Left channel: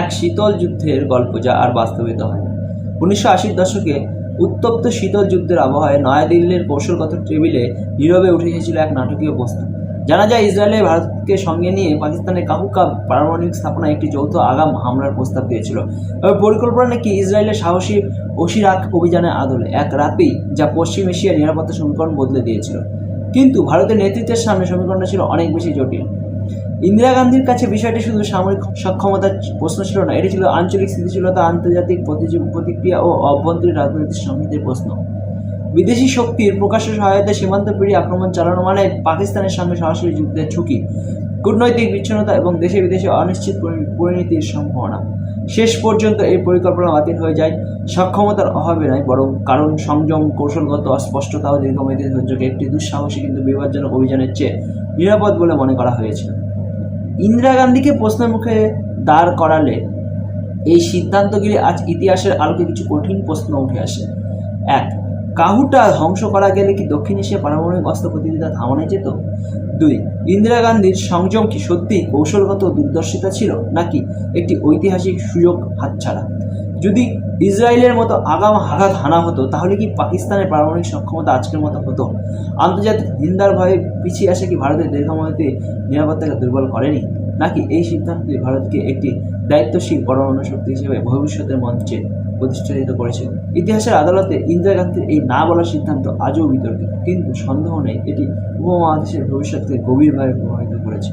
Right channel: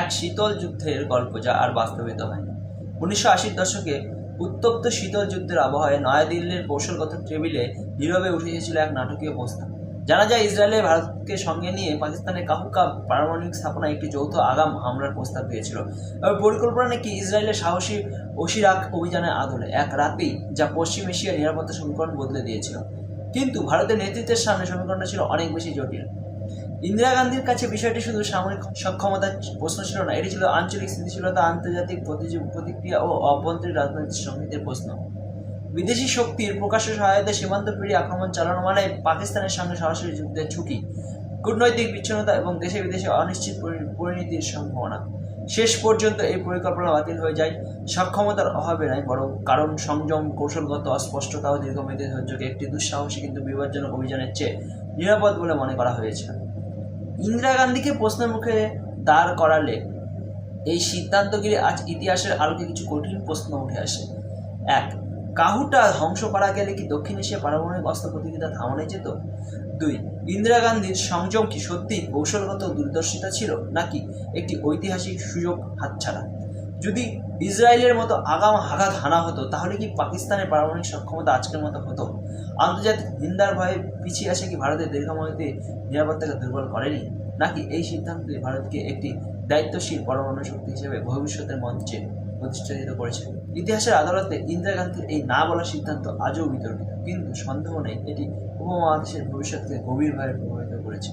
এক শীতল যুদ্ধের গল্প যা আর বাস্তবিত হয় না। 1980-র দশকে উত্তপ্ত শীতল যুদ্ধের আবহাওয়ায় নয়াদিল্লির কৌশলগত টেবিলে নীরবে উঠে এসেছিল এক নাটকীয় প্রস্তাব। জানা যায় ইসরায়েলে ভারতকে সঙ্গে নিয়ে পাকিস্তানের কাহুকা পারমাণবিক স্থাপনায় একটি যৌথ আগাম হামলার প্রস্তাব দিয়েছিল। পরিকল্পনা নাকি ইসরায়েলের সাহসী ওশিরাক অভিযানের আদলে এক রাতেই, যা পশ্চিম এশিয়ার নিরাপত্তা সমীকরণ বদলে দিয়েছিল। কিন্তু ভারতের নেতৃত্বের সামনে সমীকরণটা ছিল অনেক বেশি জটিল। ইন্দিরা গান্ধীর কাছে বিষয়টি শুধু সামরিক সক্ষমতার প্রশ্ন ছিল না, এটি ছিল আঞ্চলিক স্থিতিশীলতা, আন্তর্জাতিক প্রতিক্রিয়া ও অভ্যন্তরীণ রাজনৈতিক সংহিতের প্রশ্ন। বিদেশি শক্তির প্রকাশ্য সহায়তায় সীমান্ত পেরিয়ে আক্রমণ চালানো মানে পাকিস্তানের সঙ্গে সরাসরি যুদ্ধের ঝুঁকি, কূটনৈতিক বিচ্ছিন্নতা এবং দেশে বিদেশে অনিশ্চিত পরিণতির সম্ভাবনা। শেষ পর্যন্ত এই পরিকল্পনা বাতিল হয়ে যায় সক্ষমতার অভাবে নয়, বরং কারণ সংযম, কৌশলগত অস্পষ্টতা ও দীর্ঘমেয়াদী ধৈর্যকে একটি দুঃসাহসী কিন্তু বিপজ্জনক অভিযানের চেয়ে নিরাপদ বলে মনে করা হয়েছিল। ইন্দিরা গান্ধীকে প্রশ্নের মুখে দাঁড় করালে এই সিদ্ধান্তগুলি আজ ইতিহাসের আলোকে কিছু কঠিন প্রশ্ন উঠে আসে। 1. কাহুটা ধ্বংস করা গেলে কি দক্ষিণ এশিয়া পারমাণবিক অস্ত্র প্রতিযোগিতা থামানো যেত? 2. ইন্দিরা গান্ধীর সংযম কি সত্যি কৌশলগত দূরদর্শিতা ছিল, নাকি একটি ঐতিহাসিক সুযোগ হাতছাড়া? যদি ইসরায়েলের মতো আগাম আঘাত হানা হতো, তাহলে কি পাকিস্তানের পারমাণবিক সক্ষমতা আজকের মতো হতো? আন্তর্জাতিক নিন্দার ভয়ে পিছিয়ে আসে কি ভারতের দীর্ঘমেয়াদী নিরাপত্তাকে দুর্বল করেনি, নাকি এই সিদ্ধান্তটি ভারতকে একটি দায়িত্বশীল পরমাণু শক্তি হিসেবে ভবিষ্যতের মঞ্চে প্রতিষ্ঠিত করেছে? ইতিহাসের আদালতে ইন্দিরা গান্ধীর এই না বলার সিদ্ধান্ত আজও বিতর্কিত, কিন্তু সন্দেহ নেই এটি উপমহাদেশের ভবিষ্যৎকে গভীরভাবে প্রভাবিত করেছে।